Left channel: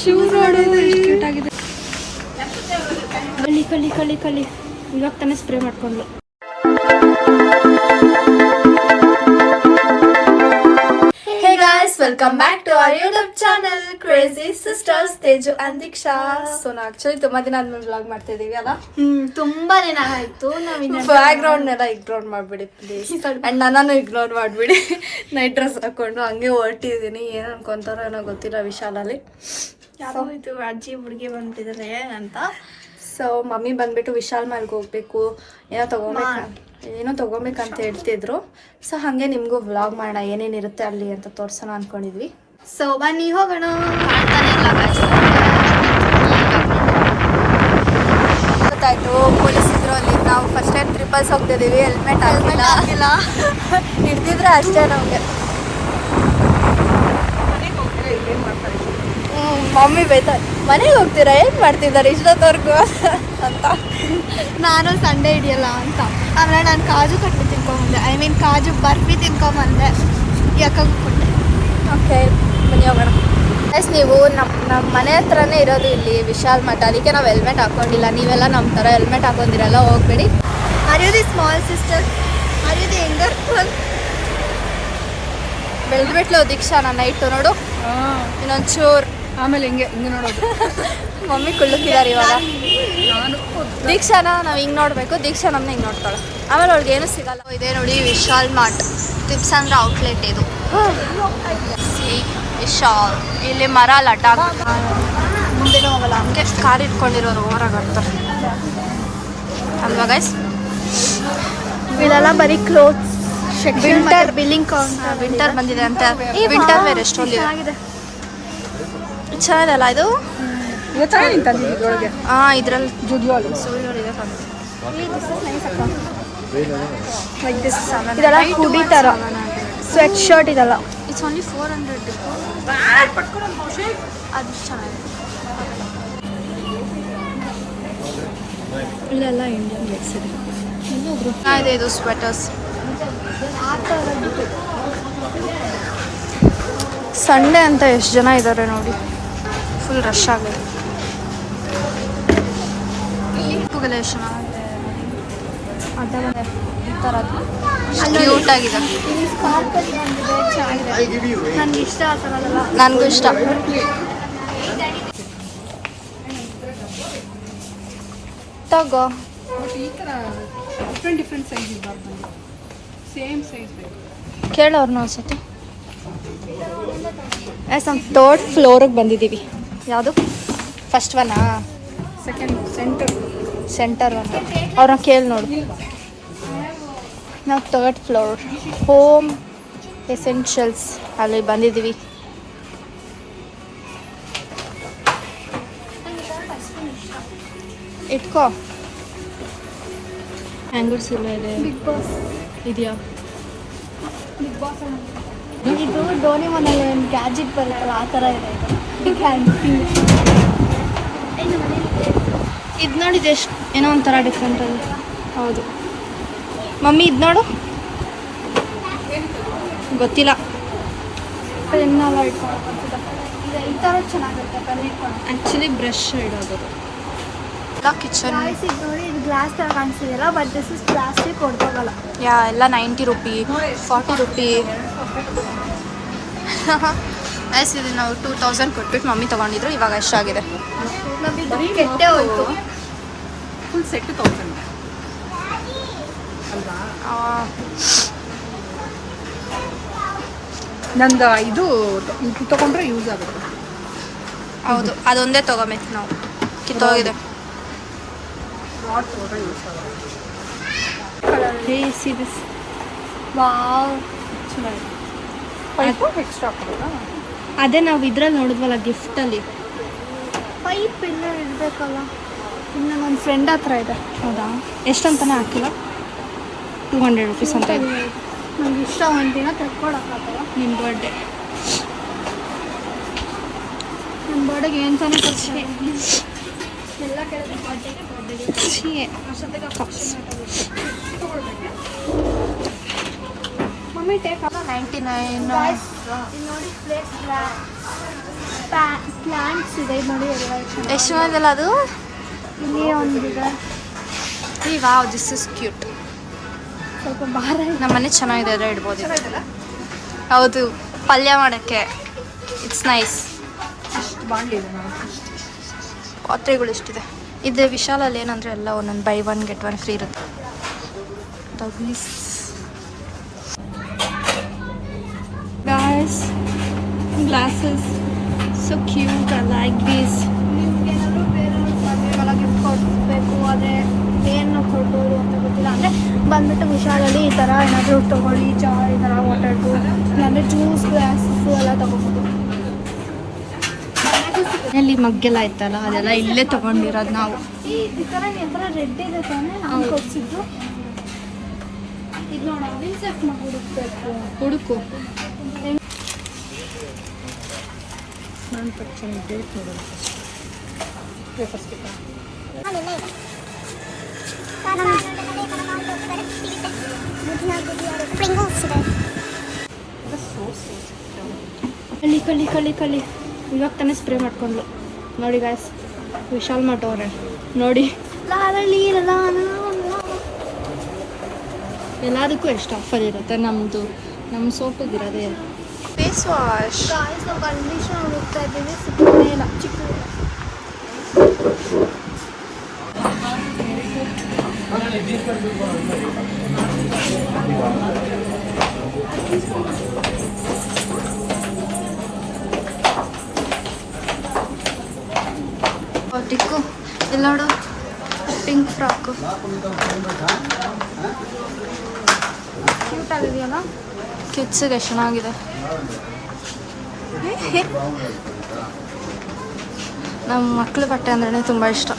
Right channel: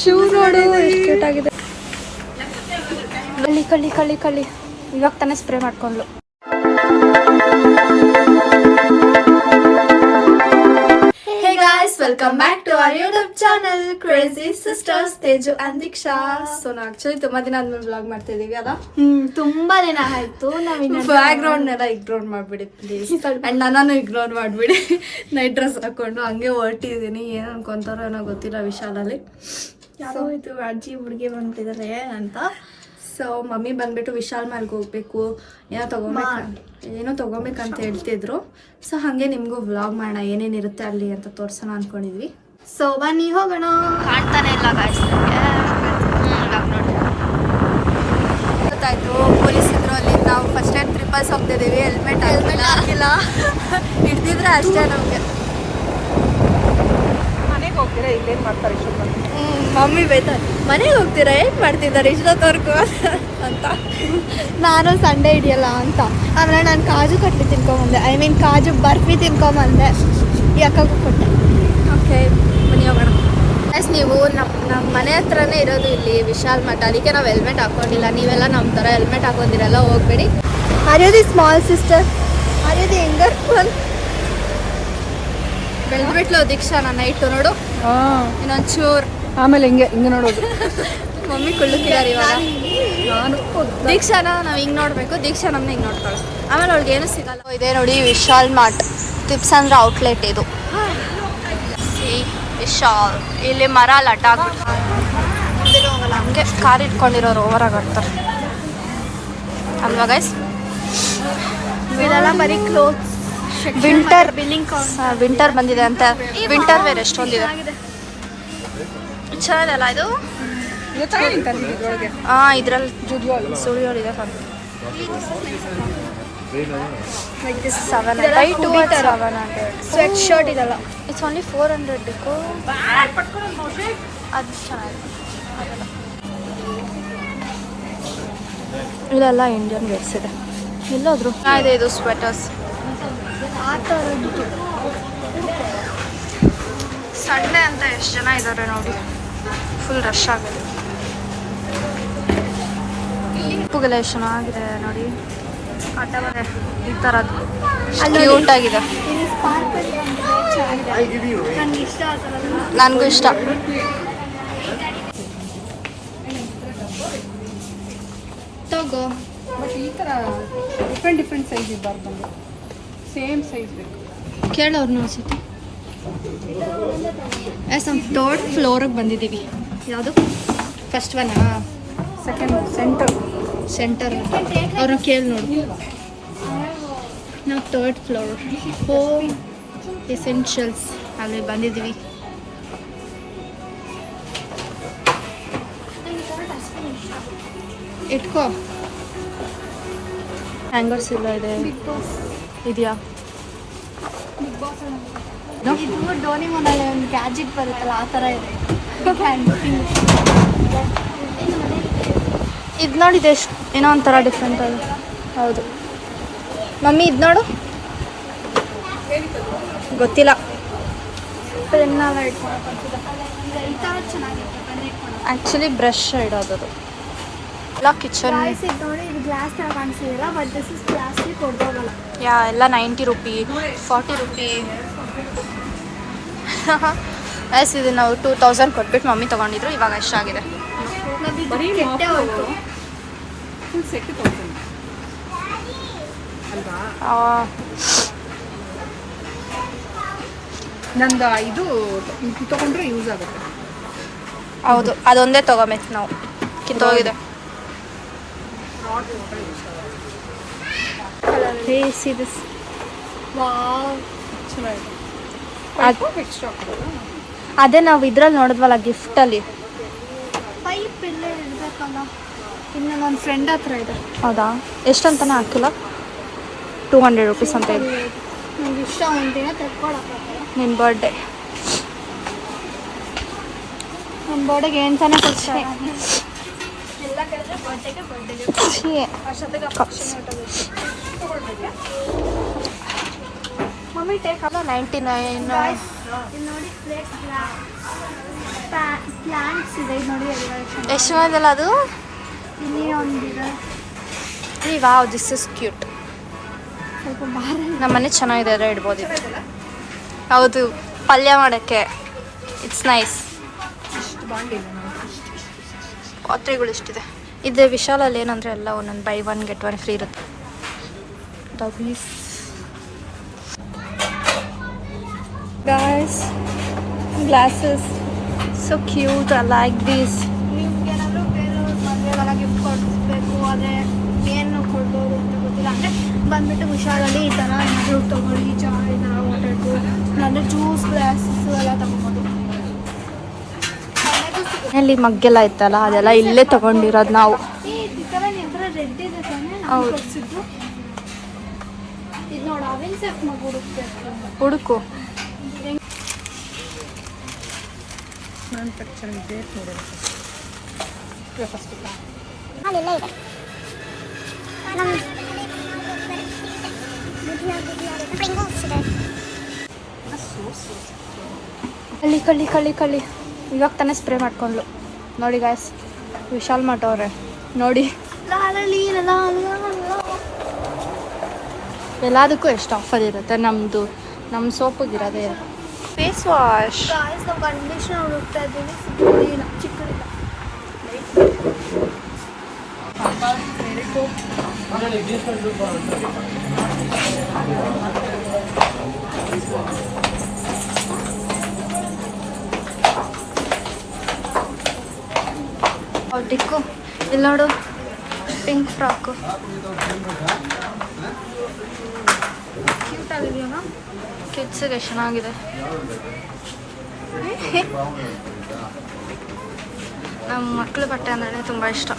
Shoe ನೋಡು ಎಷ್ಟು cute ಆಗಿದೆ. ಕಳ್ಳಿ ಕಳ್ಳಿ ಕಳ್ಳಿ ಕಳ್ಳಿ ಇವಾಗ ತಾನೇ ಸ್ಪ್ರೇ ಮಾಡ್ಕೊಂಡ್ಲು. Welcome back to our YouTube channel crazy sisters Teju and Deeksha. So ನಾವು ಆಕ್ಚುಲಿ ತುಂಬಾ ದಿನ ಆದ್ಮೇಲೆ ವ್ಲಾಗ್ ಮಾಡ್ತಾ ಇದೀವಿ ಅಲ್ಲ. ತುಂಬಾ ದಿನ ಆಯ್ತು. ಬ್ಯಾಕ್ ಗ್ರೌಂಡ್ ಎಲ್ಲ ಇಗ್ನೋರ್ ಮಾಡ್ಬಿಡಿ ಪ್ಲೀಸ್. ಅಂಡ್ ನನ್ನನ್ನು ಇಗ್ನೋರ್ ಮಾಡ್ಬಿಡಿ. ನೈಟ್ ಡ್ರೆಸ್ ಹಾಕೊಂಡು ಹಂಗೆ ಹೊರಟಿದ್ದೀನಿ. ಏನ್ ಅನ್ಕೊಂತಾರೋ ಏನೋ ಗೊತ್ತಿಲ್ಲ ವಿಶಾಲಲ್ಲಿ. ಯಾರೋ ಇದು ಅಜ್ಜಿ ಹುಡುಗಿ ಬಂದ್ಬಿಟ್ಟಿದ್ದಾರೆ ಅಂತ. ಸೊ ಮಮ್ಮಿ ಬಂದ್ಬಿಟ್ಟು ವಿಶಾಲ್ ಮಾಲ್ಗೆ ಹೋಗ್ಬೇಕು, ಏನೋ ತಗೋಬೇಕಂತ ಹೇಳ್ತಿದ್ರು. ಸೊ ಹಾಗೆ ನಿಮಗೂ ವ್ಲಾಗ್ ಮಾಡೋಣ ಏನೇನಿರುತ್ತೆ ಅಲ್ಲಿ ಅಂತ ತೋರ್ಸೋಣ ಅನ್ಕೊಂಡಿದ್ವಿ. ಸೊ ಬನ್ನಿ ಹೋಗೋಣ. ಕಾಣ್ತಾನೆ ಇಲ್ಲ ಗೊತ್ತಾಯ್ತು ಪೊಲೀಸ್ ಇದ್ರು ಅಲ್ಲಿ. ನಾವು ಫಸ್ಟ್ ಟೈಮ್ ಟ್ರಿಪಲ್ಸ್ ಹೋಗ್ತಿದ್ದೀವಿ. ಹೆಲ್ಮೆಟ್ ಹಾಕಿಲ್ಲ. ಹಿಡ್ದಿದ್ರೆ ಅಷ್ಟೇ ನಮಗೆ. ಮಮ್ಮಿ ಬೈತಾರೆ, ಮನೆಗೆ ಹೋಗ್ತೀರಾ ಏನು ಮಾಡ್ತಿದ್ದಾರೆ ಇಷ್ಟೊತ್ತವರೆಗೂ ಅಂತ. ನಾನು ಸಂಡೇ ಇದೆಯಲ್ಲ ಅಂತ ಆಮೇಲೆ ನಾನು ಕಾಜು ಕಟ್ಲಿ ತಿನ್ಕೊಂಬಂದೆ. I mean kaju barfi ತಿನ್ಕೊಂಬಂದೆ. ಯಾಕಾಗೂ ಕೊಟ್ಟೆ. ಓಕೆ ಬನ್ನಿ ಹೋಗೋಣ. ಎಸ್ ನೀವು ನಮ್ಮ ಮನೆ ಹತ್ರನೇ ಇರೋದು ಇಲ್ಲಿ ವಿಶಾಲ್ ಮಠ. ಅದಕ್ಕೆ ನಾವು ಹೆಲ್ಮೆಟ್ ಹಾಕೊಂಡಿಲ್ಲ. ನೀವೆಲ್ಲ ನಮ್ಮ ಥರ ಹೆಲ್ಮೆಟ್ ಹಾಕೊಂಡಿರಲ್ಲ, ಹೋಗ್ಬೇಡಿ. ಅರ್ಯೋದಿ ಸ್ಮಾಲ್ ಸಿಸ್ಟರ್, ಅರ್ಯೋದಿ ಹೆಂಗರ್ ಬೆಳೆದ್ಬಿಟ್ಲು ದೀಕ್ಷಾ. ನನ್ನ ನೈಟು ನೋಡು ಇನ್ನೊಂಚೂರು. ಆಮೇಲೆ ಹಿಂಗೆ ನೋಡೋದು. ಮಮ್ಮಿ ಕುಳ್ಳಕ್ಕಿದ್ದಾರೆ ಇವಾಗ. ದೀಕ್ಷಾನ ನಾವು ಹಿಂಗೆ ನೋಡಬೇಕು, ದೀಕ್ಷಾ ನಮ್ಮನ್ನ ಹಿಂಗೆ ನೋಡ್ತಾಳೆ. ಆಮೇಲೆ ಅವ್ಳಿಗೆ ಏನು ಸಿಗಲ್ಲ. ಇದೆ ನೋಡಿ ವಿಶಾಲ್ ಮಾರ್ಟ್. ಟಿಪ್ಸ್ ಅಂದ್ರೆ ಔಟ್ಲೆಟ್ ಇದು. ವಿಶಾಲ್ ಇಲ್ಲಿ ಮರ ಲಟ ಆಗ್ಬಿಟ್ಟು ಹಂಗೆ ಕಾರ್ ಇಟ್ಕೊಂಡಿರೋರು ಓವರಾಗಿ ಆಡ್ತಾರೆ ಅಲ್ವಾ ಗೈಸ್. ಬರೀ ಕ್ಲೋತ್ಸ್ ವಿಂಟರ್ ಬಂದಿದೆ ಅಂತ. Winter wear ಎಷ್ಟೊಂದಿದೆ. ಚೆನ್ನಾಗಿದೆಲ್ಲ ಇದು. ಇದ್ರಲ್ಲಿ ಸ್ಟುಡಿಯೋ ಇದೆ. 700 ಸ್ವೆಟ್ ಶರ್ಟ್ ಇದೆಲ್ಲ. It's only 400. ಅದು ಚೆನ್ನಾಗಿದೆ. ಅದೆಲ್ಲ ಇಲ್ಲೆಲ್ಲ ಇಂಡಿಯನ್ ರೇಟ್ಸ್ ಇದೆ. ಎಲ್ಲೋದ್ರು ಇದೆ ಇದು ಸ್ವೆಟರ್ಸ್. ಸಂಡೇ ಅಂತ ಎಷ್ಟು ಜನ ಇದ್ದಾರೆ ನೋಡಿ. ಫುಲ್ ರಶ್ ಆಗಿದೆ. ಉಪ್ಪುಗೆಲ್ಲ ಎಷ್ಟು ಚೆನ್ನಾಗಿದೆ ನೋಡಿ. ಈ ಥರದ್ದು ಕ್ಯೂಟ್ ಆಗಿದೆ. ನನಗೂ ಇಷ್ಟ. ತಗೋ. ಬಟ್ ಈ ಥರ ಡಿಫ್ರೆಂಟ್ ಸೈಜ್ ಇರಬಾರ್ದು, ಸೇಮ್ ಸೈಜ್ ಬೇಕು. ಕೇಳೋರ್ನ ಅನ್ಸುತ್ತೆ. ನಮ್ಮ ಥರ್ಡ್ ಫ್ಲೋರಿಗೆ ಬಂದಿದ್ದೀವಿ. ಯಾವುದು ಫಸ್ಟ್ ಒನ್ನಾ ಸೆಕೆಂಡ್ ಸೆಂಟರ್ ಅಂತ ಅವ್ರನ್ನ ಕೇಳಿ ನೋಡು. ನಾವು ಥರ್ಡ್ ಫ್ಲೋರ್ ಹೋಮ್ ಎಸೆನ್ಷಿಯಲ್ಸ್ ಅಲ್ಲಿ ಬಂದಿದ್ದೀವಿ. ಇಟ್ಕೋ. ಹ್ಯಾಂಗರ್ಸ್ ಇಲ್ಲ ಇದೆ. ಇದೆಯಾ ಇದು ಡೋನಿ ಮನೇಲಿ ಒಂದು ಗ್ಯಾಜೆಟ್ ಬರುತ್ತಲ್ಲ ಆ ಥರ ಇದೆ. ಇದು ನೋಡಿದೆ ಎಷ್ಟು ಏನೋ ಒಂಥರ ಡಿಫ್ರೆಂಟ್ ಅದು. ಹೌದು ಮಮ್ಮಿ ಇದು ನೋಡು. ಗೊತ್ತಿಲ್ಲ. ಪೆನ್ನೆಲ್ಲ ಇಟ್ಕೊಳಕ್ಕೆ ಈ ಥರ ಚೆನ್ನಾಗುತ್ತೆ. ಪೆನ್ ಇಟ್ಕೊಳಕ್ಕೆ ಆ್ಯಕ್ಚುಲಿ ಬ್ರಷ್ ಇಡೋದು ಎಲ್ಲ ಕಿಚನ್. ನೋಡಿ ಇದು ಗ್ಲಾಸ್ ಥರ ಕಾಣಿಸ್ತಿದೆಯಲ್ಲ, ಬಟ್ ದಿಸ್ ಇಸ್ ಪ್ಲಾಸ್ಟಿಕ್ ಹೊಡೆದೋಗಲ್ಲ. ಎಲ್ಲ 90 ರೂಪಿ 40 ರೂಪಿ. ಎಸ್ ಇದು ನಾವು 2000 ಕೊಟ್ಬಿಟ್ಟು ಮಮ್ಮಿ ತೊಗೊಂಡಿದ್ರು. ಇವಾಗ ಎಷ್ಟಾಗಿದೆ? ಕೆಟ್ಟೆ ಹೋಯ್ತು. ಫುಲ್ ಸೆಟ್ 1000 ಅಲ್ವಾ? ನಂದು ಇದು ತಗೊಂಡ್ರೆ ಯೂಸ್ ಆಗುತ್ತೆ. ಹೌದು ಅದೊಂದೇ ತೊಗೊಬೇಕು ನಾವು. ಕಿತ್ತೋಗಿದೆ. See this. ವಾವ್ ಎಕ್ಸ್ಟ್ರಾ ಕೊಡೋಲ್ಲ. ಅದೇ ನಾವು ಇದ್ರಲ್ಲಿ ನೋಡಿದ್ವಲ್ಲ ಗಿಫ್ಟಲ್ಲಿ. ಪೈಪ್ ಎಲ್ಲ ಇರಬೇಕಲ್ಲ. ಇನ್ನು ನನ್ನ ಫ್ರೆಂಡ್ ಹತ್ರ ಇದೆ. ಹೌದಾ? ಎಷ್ಟಂತಾನೆ ಹಾಕಿಲ್ಲ. 200 ರೂಪೀಸ್ ಅಂತ ಇದೆ. ನಂಗೆ ಇಷ್ಟ ಒಂದಿನ ತೆಕ್ಕೊಳಕ್ಕಾಗಲ್ಲ. ನಿನ್ನ ಬರ್ಡೇ. ನನ್ನ ಬರ್ಡೇಗೆ ಏನು ತಾನೇ ಕೊಡ್ತೀನಿ. ಎಲ್ಲ ಮಮ್ಮಿ ಟೇಕ್ ಅಲ್ಲ 99. ನೋಡಿ ಪ್ಲೇಟ್ ಪ್ಲಾಂಟ್ಸ್ ಇದೆ ನೋಡಿ ಎಷ್ಟು ಚೆನ್ನಾಗಿಲ್ಲ ಅದು. ಇಲ್ಲಿ ಒಂದಿದೆ. ಈ ವಾವ್, ದಿಸ್ ಇಸ್ ಕ್ಯೂಟ್. ಸ್ವಲ್ಪ ಭಾರ ನಮ್ಮ ಮನೆ ಚೆನ್ನಾಗಿದೆ, ಅದೇ ಇಡ್ಬೋದು ಇದು. ಹೌದು, ಪಲ್ಯ ಮಾಡೋಕ್ಕೆ ಇಟ್ಸ್ ನೈಸ್. ಇಷ್ಟು ಬಾಂಡಿಲ್ಲ ನಾವು. ಪಾತ್ರೆಗಳು ಇಷ್ಟಿದೆ. ಇದು ವಿಶಾಲಲ್ಲಿ ಏನಂದರೆ ಎಲ್ಲ ಒಂದೊಂದು ಬೈ 1 get 1 ಫ್ರೀ ಇರುತ್ತೆ. ಡಬ್ಲೀಸ್ guys, glasses, so cute, I like these. ನಿಮ್ಗೇನಾದ್ರು ಬೇರೆಯವ್ರಿಗೆ ಗಿಫ್ಟ್ ಕೊಡಬೇಕು, ಆದರೆ ಏನು ಕೊಡ್ಬೋದು ಅಂತ ಗೊತ್ತಿಲ್ಲ ಅಂದರೆ ಬಂದ್ಬಿಟ್ಟು ವಿಶಾಲಲ್ಲಿ ಈ ಥರ ಏನಾದರೂ ತೊಗೊಳ್ಳಿ, ಈ ಥರ ವಾಟರ್ದು ಇಲ್ಲಾಂದರೆ ಜ್ಯೂಸ್ ಗ್ಲಾಸಸ್ಸು ಎಲ್ಲ ತೊಗೊಬೋದು. ಅಲ್ಲಿ ಮಗ್ಗೆಲ್ಲ ಇತ್ತಲ್ಲ, ಅದೆಲ್ಲ ಇಲ್ಲೇ ತಗೊಂಡಿರೋದು ನಾವು. ಈ ಥರ ರೆಡ್ ಇದೆ ತಾನೇ ನಾವು ಕೊಡಿಸಿದ್ದು. ಇದು ನೋಡಿ ಅವಿನ ಸೆಟ್ ಮಗು ಹುಡುಕ್ಬೇಕು. ಹುಡುಕು. ಮ್ಯಾನುಫ್ಯಾಕ್ಚರಿಂಗ್ ಡೇಟ್ ನೋಡಿ ಪೇಪರ್ಸ್ ಬೇಕಾ? ಅಲ್ಲೆಲ್ಲ ಇದೆ. ಕಳ್ಳಿ ಇವಾಗ ತಾನೇ ಸ್ಪ್ರೇ ಮಾಡ್ಕೊಂಡ್ಲು ನೋಡಿ ಗಾಯ್ಸ್. ವಿಶಾಲ್ ಮಠ ಅವ್ರೆ ನೋಡಿ, ಎಲ್ಲದಕ್ಕೂ ಎಷ್ಟು ಆಫರ್ ಇರುತ್ತೆ. ನಮ್ಮ ಸೋಪಿಗಿರೋದೇ ಫೇಸ್ ವಾಶ್. ಕಂಡೀಷನರ್ ಹುಡುಕ್ತಾ ಇದ್ದೀವಿ, ಸಿಗ್ತಾನೆ ಇಲ್ಲ, ಚಿಕ್ಕದಿಲ್ಲ. ಟಿಕ್ಕು ಇಲ್ಲಿ ನೋಡು, ಪಿಂಕ್ ಫ್ರಾಕು. ಕ್ಯೂಟ್ ಆಗಿದೆಯಲ್ಲ. ಕಿಡ್ಸಿಗೆ ಚೆನ್ನಾಗಿದೆ. ನಮ್ಮ ಮಕ್ಳ ಬಟ್ಟೆ ಅಂದ್ರೆ ತುಂಬ ಇಷ್ಟ.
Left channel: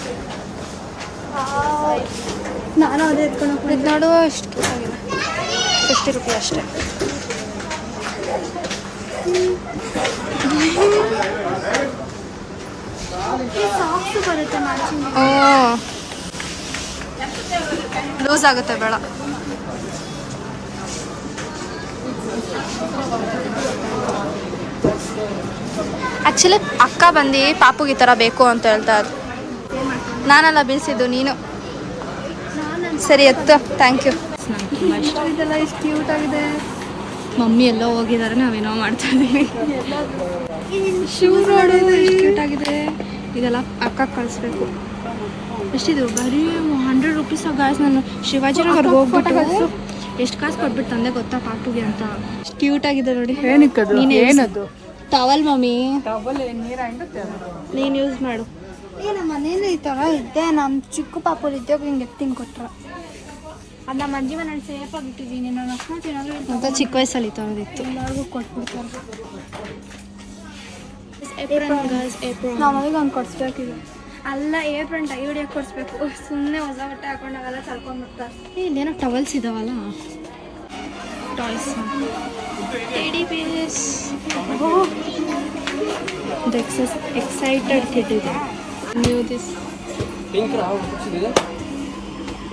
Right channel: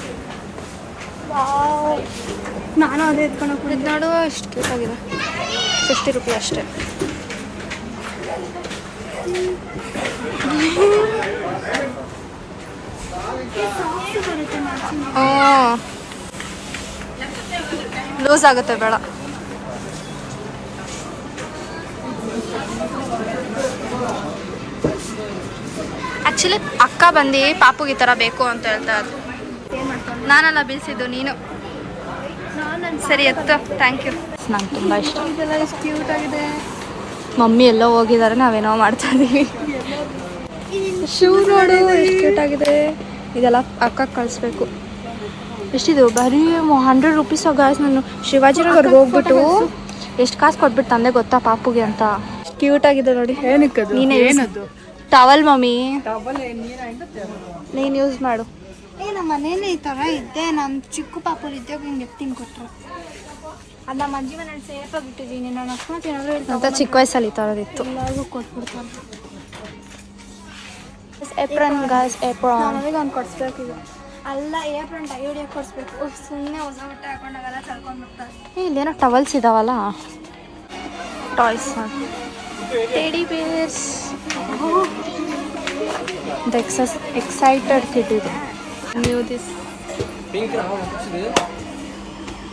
ನಾನು ಅದೇ ಎತ್ಕೊಂಡು ಇದು ನೋಡು, ಎಷ್ಟು ಕ್ಯೂಟ್ ಆಗಿದೆ. 50 ರೂಪಾಯಿ ಅಷ್ಟೇ. ಸಾಫ್ಟ್ ಬರುತ್ತೆ ಮ್ಯಾಚಿಂಗ್. ಲೂಸ್ ಆಗುತ್ತೆ ಬೇಡ. ಆ್ಯಕ್ಚುಲಿ ಅಕ್ಕ ಬಂದು ಪಾಪುಗೆ ಈ ಥರ ಬೇಕು ಅಂತ ಹೇಳ್ತಾ ಇದ್ರು. ನಾನೆಲ್ಲ ಬೀಸಿದ್ದು ನೀನು. ಸರಿ ಎತ್ತು, ಥ್ಯಾಂಕ್ ಯು. ನಂಗೆ ತುಂಬ ಇಷ್ಟ. ಇದೆಲ್ಲ ಎಷ್ಟು ಕ್ಯೂಟ್ ಆಗಿದೆ. ಮಮ್ಮಿ ಎಲ್ಲೋ ಹೋಗಿದ್ದಾರೆ, ನಾವೇನೋ ಮಾಡ್ತಾ ಇದ್ದೀವಿ. ಶೂ ನೋಡು ಎಷ್ಟು ಕ್ಯೂಟ್ ಆಗಿದೆ. ಇದೆಲ್ಲ ಅಕ್ಕಕ್ಕೆ ಕಳಿಸ್ಬೇಕು. ಎಷ್ಟಿದು? ಬರೀ 100 ರೂಪೀಸ್ ಗಾಯ್ಸ್. ನಾನು ಶಿವಾಜಿನಗರ್ಗೆ ಹೋಗ್ಬಿಟ್ಟು ಎಷ್ಟು ಕಾಸು ಕೊಟ್ಬಿಟ್ಟು ತಂದೆ ಗೊತ್ತಾ ಪಾಪುಗೆ ಅಂತ. ಎಷ್ಟು ಕ್ಯೂಟ್ ಆಗಿದೆ ನೋಡಿ. ಏನಕ್ಕದು? ನೀನೇ ಏನದು? ಟವಲ್ ಮಮ್ಮಿ, ಡಬಲ್ ನೀರು ಹಿಂಡುತ್ತೆ. ನೀನು ಯೂಸ್ ಮಾಡು. ನಮ್ಮ ಮನೇಲಿ ಈ ಥರ ಇದ್ದೆ. ನಮ್ಮ ಚಿಕ್ಕ ಪಾಪುಲ್ ಇದ್ದಾಗ ಹಿಂಗೆ ಎತ್ತಿನ ಕೊಟ್ರ. ಅದು ನಮ್ಮ ಅಜ್ಜಿ ಮನೆ ಸೇಫಾಗಿ ಇಟ್ಟಿದ್ದೀನಿ. ನಾನು ಅಕಸ್ಮಾತ್ ಏನಾದರೂ ಅಂತ ಚಿಕ್ಕ ವಯಸ್ಸಲ್ಲಿ ಈ ಥರದಿತ್ತು. ಎಲ್ಲರಿಗೂ ಕೊಟ್ಬಿಡ್ತಾರೆ. Apron guys, apron. ನಮಗೆ ಒಂದು ಕೊಡಿಸ್ಬೇಕಿದೆ. ಅಲ್ಲ, ಏಪ್ರನ್ ಟೈ ಹೊಡಿಯೋಕೆ ಕೊಡಿಸ್ಬೇಕು. ಸುಮ್ಮನೆ ಹೊಸ ಬಟ್ಟೆ ಹಾಕೊಂಡಾಗೆಲ್ಲ ಚಲ್ಕೊಂಡ್ಬಿಡ್ತಾರೆ. ಇಲ್ಲೇನೋ ಟವಲ್ಸ್ ಇದಾವಲ್ಲ, toys, teddy bears. Excited kid ಇದೆ. ನ್ಯೂ ದಿಸ್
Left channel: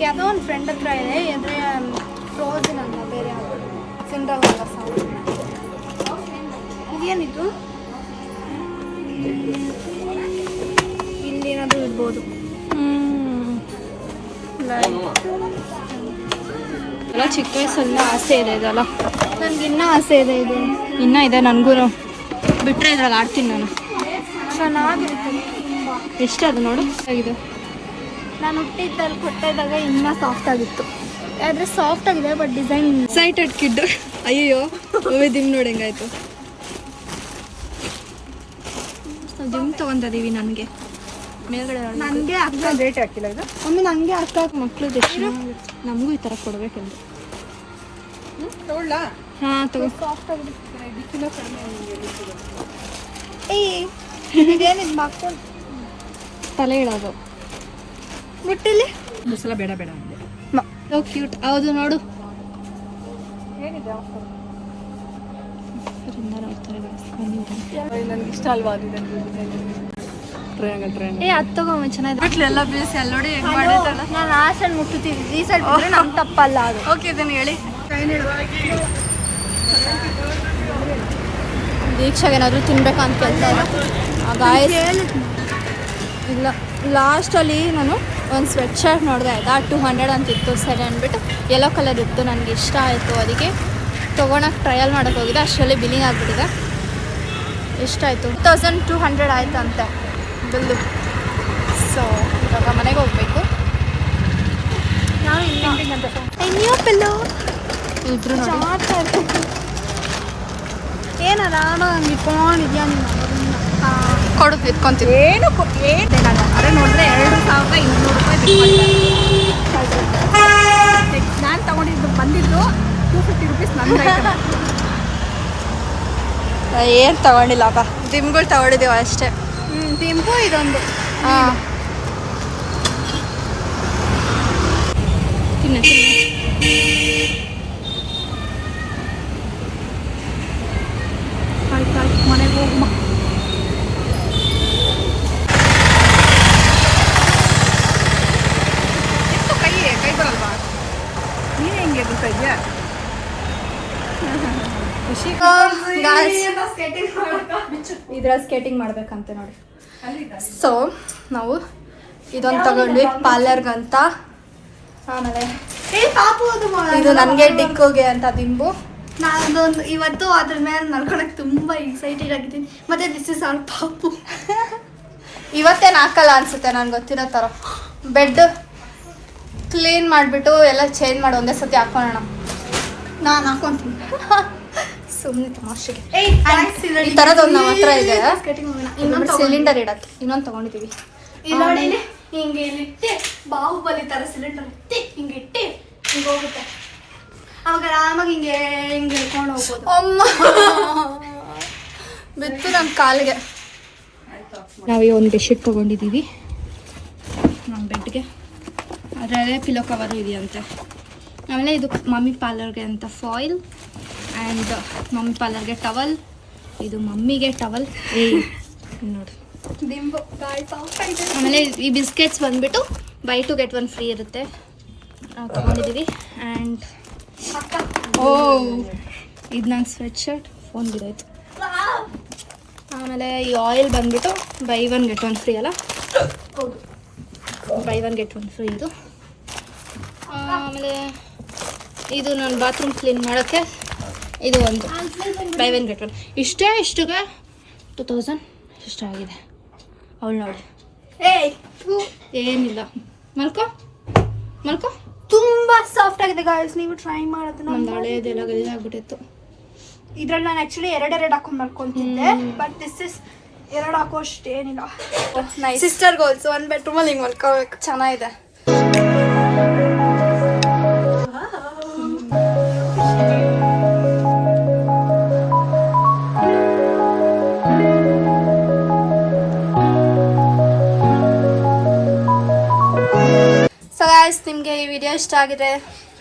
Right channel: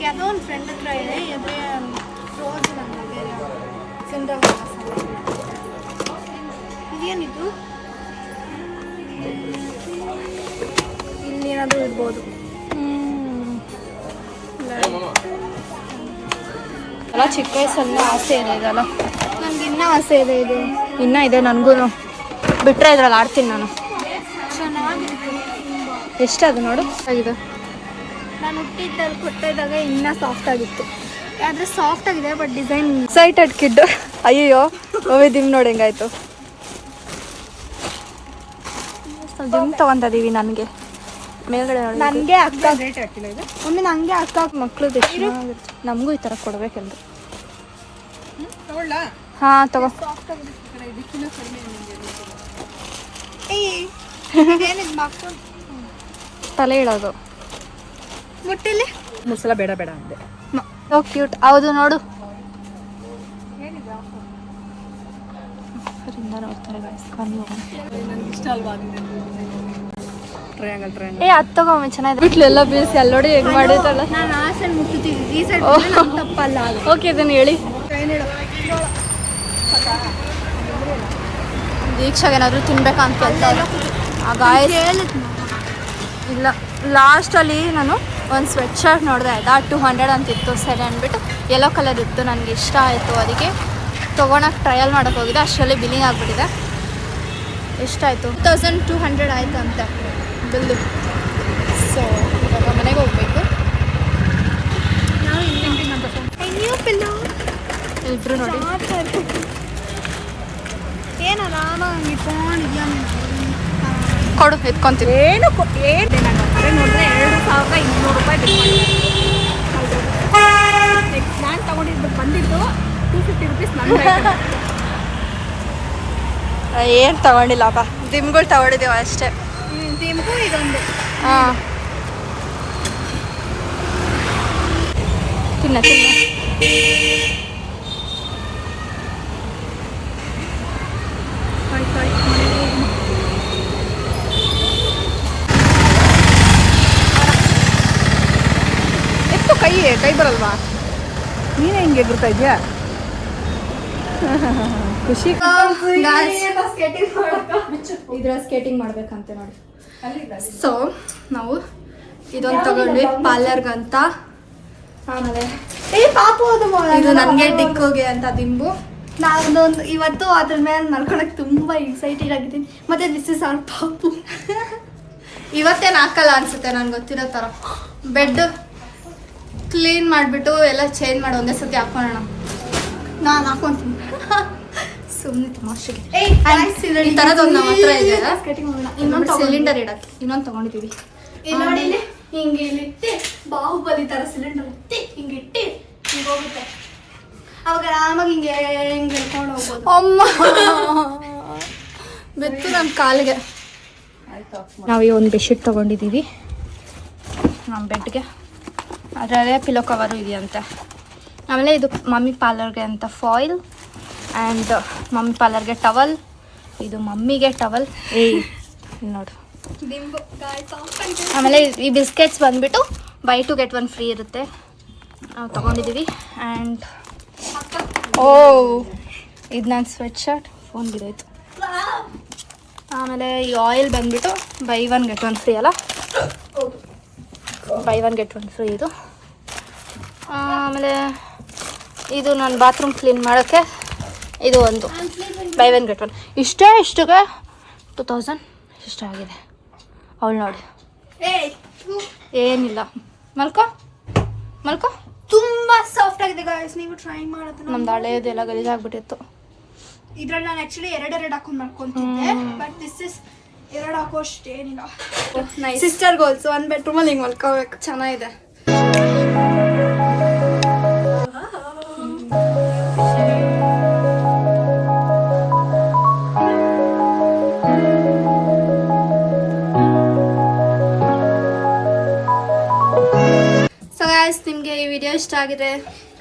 ಯಾವುದೋ ಒಂದು ಫ್ರೆಂಡ್ ಹತ್ರ ಇದೆ. ಎದ್ರೆ ಫ್ರೋಜನ್ ಅಂತ ಬೇರೆ ಯಾವುದು ಸಿಂಡ್ರಲ್ ಇದೇನಿದು? ಇಲ್ಲೇನಾದರೂ ಇರ್ಬೋದು. ಎಲ್ಲ ಚಿಕ್ಕ ವಯಸ್ಸಲ್ಲ ಆಸೆ ಇದೆ ಇದೆಲ್ಲ. ನನಗೆ ಇನ್ನೂ ಆಸೆ ಇದೆ ಇದು. ಇನ್ನೂ ಇದೆ ನನಗೂ. ಬಿಟ್ಟರೆ ಇದ್ರಲ್ಲಿ ಆಡ್ತೀನಿ ನಾನು. ಚೆನ್ನಾಗಿರುತ್ತೆ. ಎಷ್ಟದು ನೋಡು ಇದು. ನಾನು ಹುಟ್ಟಿದ್ದಲ್ಲಿ ಕೊಟ್ಟಿದ್ದಾಗ ಇನ್ನೂ ಸಾಫ್ಟ್ ಆಗಿತ್ತು. ಆದರೆ ಸಾಫ್ಟ್ ಆಗಿದೆ, ಬಟ್ ಡಿಸೈನ್ ಎಕ್ಸೈಟೆಡ್ ಕಿಡ್. ಅಯ್ಯೋ ದಿಮ್ ನೋಡಿ ಹೆಂಗಾಯ್ತು. ದಿಮ್ ತೊಗೊತಿದ್ದೀವಿ. ನನಗೆ ಮೇಲ್ಗಡೆ ನೋಡಿ. ನನಗೆ ಅಕ್ಕ ರೇಟ್ ಹಾಕಿಲ್ಲ ಇದು. ಒಮ್ಮೆ ನನಗೆ ಅಕ್ಕ ಮಕ್ಳದ್ದು ಎಷ್ಟು ಚೆನ್ನಾಗಿರುತ್ತೆ. ನಮಗೂ ಈ ಥರ ಕೊಡಬೇಕೆಂದು. ತಗೊಳ್ಳ? ಹಾಂ ತಗೋ. ಸಾಫ್ಟ್ ಆಗಿದೆ. ಇದಕ್ಕಿಂತ ಕಡಿಮೆ ಇದೇನಿದು ಮಾಡ್ಕೊಂಡು ತಲೆ ಇಡೋದು. ಮುಟ್ಟಿಲಿ ಮುಸಲ ಬೇಡ ಬೇಡ ಅಂದೆ. So cute. ಹೌದು ನೋಡು. ಏನಿದೆ ಆಫರಿಂದ ನೋಡ್ತಾರೆ ಗಾಯ್ಸ್. ಬನ್ನಿ ಹೋಗೋಣ. ನನಗೆ ಇಷ್ಟ ಅಲ್ವಾ ಅದು ಟ್ರಯಾಂಗಲ್. ಏ ಅದು ತಗೊಂಡು ಚೆನ್ನಾಗಿದೆ. ಬಿಟ್ಲೆಲ್ಲ ಬೇಸ್ ಅಲ್ಲಿ ನೋಡಿ ಹೆಂಗೆ ಮಾಡಿದ್ದಲ್ಲ. ನಾನು ಆ ಸೈಡ್ ಮುಟ್ಟುತ್ತೀವಿ, ಈ ಸೈಡ್ ಬಿಟ್ಟರೆ ನಮ್ಮ ತಪ್ಪಲ್ಲ ಅದು. ಓಕೆ ಇದನ್ನು ಹೇಳಿ. ದೀಕ್ಷಾಗೆ ಏನಾದರೂ ತಿನ್ಬೇಕಂತ ಕೇಳ್ತಾರೆ. ಗಾಯಸ್ ಇಲ್ಲ, ಲಾಸ್ಟಲ್ಲಿ ನಾನು ಒಂದು ಸ್ವೆಟ್ ಶರ್ಟ್ ನೋಡಿದೆ ಆಯಿತಾ, 200 ಅಂತಿತ್ತು. ಸರಿ ಅಂದ್ಬಿಟ್ಟು ಯೆಲ್ಲೋ ಕಲರ್ ಇತ್ತು, ನನಗೆ ಇಷ್ಟ ಆಯಿತು. ಅದಕ್ಕೆ ತೊಗೊಳಕ್ಕೆ ಟ್ರಯಲ್ ಮಾಡೋಕ್ಕೆ ಹೋಗಿದೆ. ಅಷ್ಟರಲ್ಲಿ ಬಿಲ್ಲಿಂಗ್ ಆಗಿಬಿಟ್ಟಿದೆ. ಎಷ್ಟಾಯಿತು? 2200 ಆಯ್ತಂತೆ ಬಿಲ್ಲು. ಸೊ ಇವಾಗ ಮನೆಗೆ ಹೋಗ್ಬೇಕು. ನಾನು ಇದ್ರು ನೋಡಿ ಏನ ನಾನು ಹಂಗೆ ಇಟ್ಕೊಂಡಿದ್ಯಾ ಕೊಡು, ಎತ್ಕೊಂತೀವಿ. ಏನು ಹೇಳಿದೆ ನಾನು. ಅದೇ ನೋಡಿದ್ರೆ 2200 ರೂಪಾಯಿ ನಾನು ತಗೊಂಡಿದ್ದು ಬಂದಿದ್ದು 250 ರುಪೀಸ್ ನನ್ನ ಏನು ತಗೊಂಡಿಲ್ಲಪ್ಪ, ದಿಮ್ಗಳು ತಗೊಂಡಿದ್ದೀವಿ ಅಷ್ಟೇ. ದಿಂಬು ಇದೊಂದು ಹಾಂ, ತಿನ್ನ ಮನೆಗೆ ಹೋಗಮ್ಮ. ಎಷ್ಟು ಕೈ ಬರಲ್ವಾ? ನೀನೇ ಹಿಂಗೆ ಎದುರ್ತಾ ಇದೆಯಾ? ಖುಷಿ ಇದ್ರ ಸ್ಕೇಟಿಂಗ್ ಮಾಡ್ಬೇಕಂತೆ ನೋಡಿ. ಸೊ ನಾವು ಇದೊಂದು ತಗೊಂಡ್ವಿ ಪಾರ್ಲರ್ಗಂತ. ಆಮೇಲೆ ಇದು ನನಗೆ ಡಿಕ್ಕೋಗೆ ಅಂತ ದಿಂಬು. ನಾನೊಂದು ಇವತ್ತು ಅದ್ರ ಮೇಲೆ ಮಲ್ಕೊಳಕ್ಕೆ ತುಂಬ ಎಕ್ಸೈಟೆಡ್ ಆಗಿದ್ದೀನಿ. ಮತ್ತೆ ದಿಸ್ ಇಸ್ ಆರ್ ಪಾಪು. ಇವತ್ತೇನು ಹಾಕಲ್ಲ ಅನ್ಸುತ್ತೆ, ನನಗೆ ಗೊತ್ತಿರೋ ಥರ. ಬೆಡ್ ಕ್ಲೀನ್ ಮಾಡಿಬಿಟ್ಟು ಎಲ್ಲ ಚೇಂಜ್ ಮಾಡಿ ಒಂದೇ ಸತಿ ಹಾಕೋಣ. ನಾನು ಹಾಕೊಂತೀನಿ. ಸುಮ್ಮನೆ ತಮಾಷೆಗೆ. ಈ ಈ ಥರದೊಂದು ನಮ್ಮ ಹತ್ರ ಇದೆ. ಇನ್ನೊಂದು ಸಿಲಿಂಡರ್ ಇಡಕ್ಕೆ ಇನ್ನೊಂದು ತಗೊಂಡಿದ್ದೀವಿ. ನೋಡಿ ಹಿಂಗೆ ಇಲ್ಲಿಟ್ಟು ಬಾಹುಬಲಿ ತರ ಸಿಲಿಂಡರ್ ಇಟ್ಟು ಹಿಂಗೆ ಇಟ್ಟು ಹಿಂಗೆ ಹೋಗುತ್ತೆ. ಅವಾಗ ಆರಾಮಾಗಿ ಹಿಂಗೆ ಹಿಂಗೆ ಹಿಡ್ಕೊಂಡು ಹೋಗ್ಬೋದು. ಅಮ್ಮ ಬಿತ್ತು ನನ್ನ ಕಾಲಿಗೆ. ನಾವು ಈ ಒಂದು ಬೆಡ್ಶೀಟ್ ತೊಗೊಂಡಿದ್ದೀವಿ ನಮ್ಮ ಬೆಡ್ಗೆ. ಅದರಲ್ಲೇ ಪಿಲೋ ಕವರು ಇದೆಯಂತೆ. ಆಮೇಲೆ ಇದು ಮಮ್ಮಿ ಪಾರ್ಲರ್ಗೆ ಅಂತ ಫಾಯಿಲ್, ಆ್ಯಂಡ್ ಮಮ್ಮಿ ಪಾರ್ಲರ್ಗೆ ಟವಲ್. ಇದು ಮಮ್ಮಿಗೆ ಟವಲ್. ನೋಡು. ಆಮೇಲೆ ಈ ಬಿಸ್ಕೆಟ್ಸ್ ಬಂದುಬಿಟ್ಟು ಬೈ 2 get 1 ಫ್ರೀ ಇರುತ್ತೆ, ತೊಗೊಂಡಿದ್ದೀವಿ. ಆ್ಯಂಡ್ ಇದು ನನ್ನ ಸ್ವೆಟ್ ಶರ್ಟ್ ಫೋನ್ ಬಿದ್ದಾಯಿತು. ಆಮೇಲೆ ಈ ಆಯಿಲ್ ಬಂದುಬಿಟ್ಟು ಬೈ 1 get 1 ಫ್ರೀ ಅಲ್ಲ? ಹೌದು, ಬೈ 1 get 1 ಫ್ರೀ ಇದು. ಆಮೇಲೆ ಇದು ನಾನು ಬಾತ್ರೂಮ್ ಕ್ಲೀನ್ ಮಾಡೋಕ್ಕೆ ಇದು ಒಂದು ಬೈ 1 get 1. ಇಷ್ಟಕ್ಕೆ 2000 ಇಷ್ಟ ಆಗಿದೆ. ಅವಳು ನೋಡಿ, ಏನಿಲ್ಲ. ಮಲ್ಕೋ ತುಂಬಾ ಸಾಫ್ಟ್ ಆಗಿದೆ ಗಾಯ್ಸ್, ನೀವು ಟ್ರೈ ಮಾಡೋದು. ನಮ್ದು ಹಳೆಯದೆಲ್ಲ ಗಲೀಜಾಗ್ಬಿಟ್ಟಿತ್ತು. ಇದ್ರಲ್ಲಿ ನಾನು ಆ್ಯಕ್ಚುಲಿ ಎರಡು ಹಾಕೊಂಡು ಮಾಡ್ಕೊತಿದ್ದೆ, ಬಟ್ ದಿಸ್ ಇಸ್ 2 ಹಾಕೋಷ್ಟು ಏನಿಲ್ಲ. ನೈಸ್. ಸಿಸ್ಟರ್ಗೆ ಆಲ್ಸೋ ಒಂದು ಬೆಡ್ರೂಮಲ್ಲಿ ಹಿಂಗೆ ಮಲ್ಕೋಬೇಕು. ಚೆನ್ನಾಗಿದೆ. ಸೊ ಗೈಸ್, ನಿಮಗೆ ಈ ವಿಡಿಯೋ ಇಷ್ಟ ಆಗಿದೆ,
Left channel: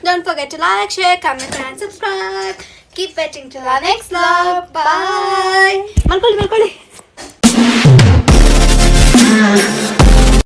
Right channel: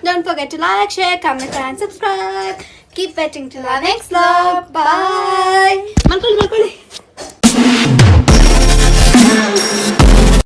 Don't forget to like, share, comment and subscribe. Keep watching till our next vlog. Bye. ಮಲ್ಕೊಳ್ಳಿ.